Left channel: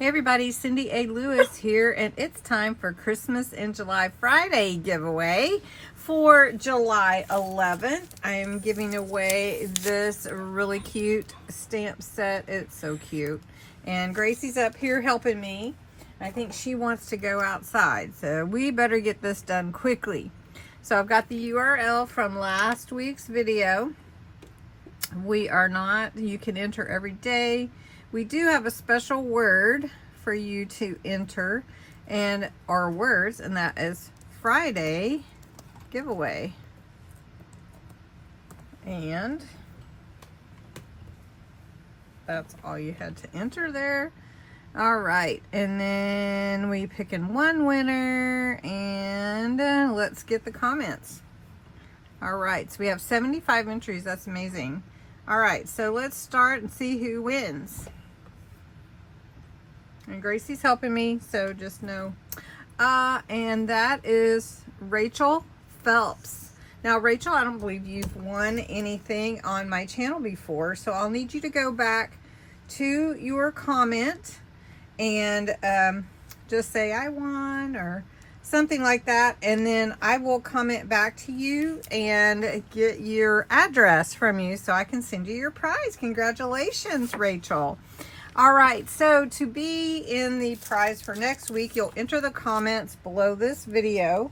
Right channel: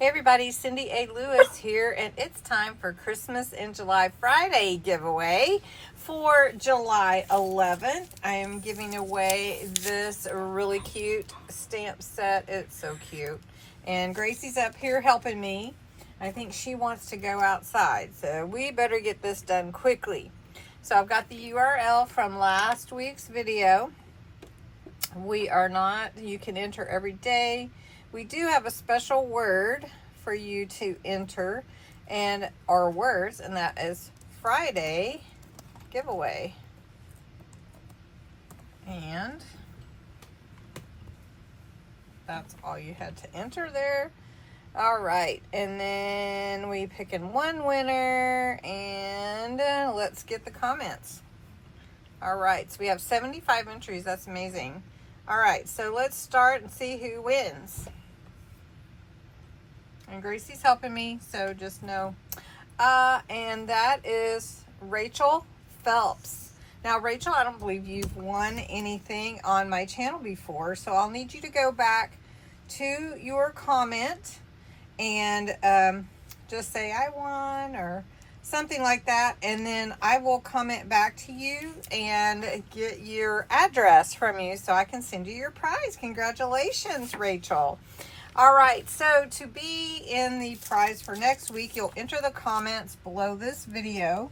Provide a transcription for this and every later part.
Hey everybody, CindyALewis here, and it's time for Christmas in July Friday giveaway for July 11th. I am giving away this really cute stamp set. It's so cute. And Gracie's up here helping me. I think she wants to go outside, so we better get this done quickly. So I've got the URL from last week's video. You can enter every day. We do have a special word for you to enter and our words, and that is Friday giveaway. And that's all you had to enter there. All right, and then we pick in one winner, and let's get the comments. All right, so we have 75 entries. That's amazing. All right, so let's start and see who wins. And Gracie's helping me, so just know. And that is Rachel Phelps. Now, Rachel, I don't believe you've won anything on my channel before, so I'll need you to go back to your comment and just say I won or something like that, and then I will comment back to you and get your address from you so I can send you your prize. Congratulations, Rachel. All right, so to be in the prize for next week, you'll enter the comments below this video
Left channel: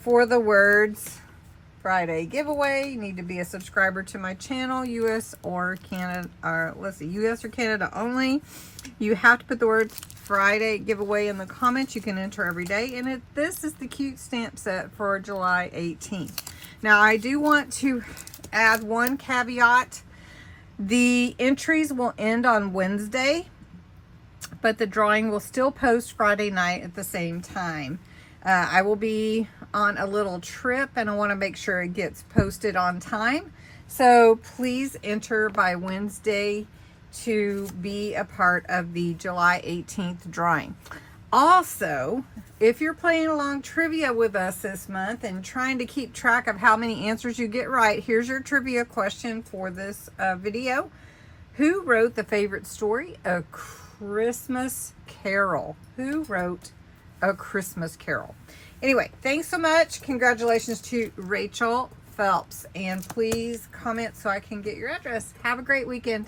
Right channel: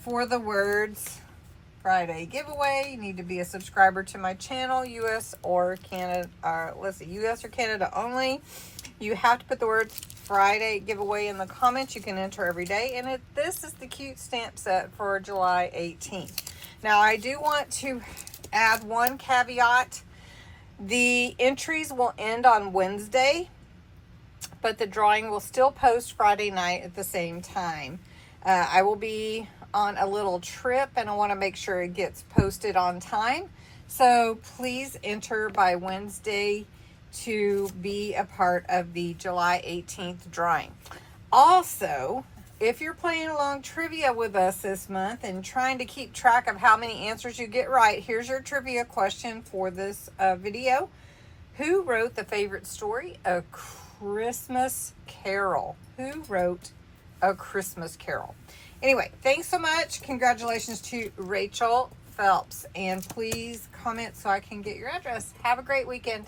for the words Friday giveaway. You need to be a subscriber to my channel, US or Canada, US or Canada only. You have to put the words Friday giveaway in the comments. You can enter every day, and this is the cute stamp set for July 18th. Now, I do want to add one caveat. The entries will end on Wednesday, but the drawing will still post Friday night at the same time. I will be on a little trip, and I want to make sure it gets posted on time. So please enter by Wednesday to be a part of the July 18th drawing. Also, if you're playing along trivia with us this month and trying to keep track of how many answers you get right, here's your trivia question for this video. Who wrote the favorite story, A Christmas Carol? Who wrote A Christmas Carol? Anyway, thanks so much. Congratulations to Rachel Phelps. And please comment so I can get your address. Have a great weekend.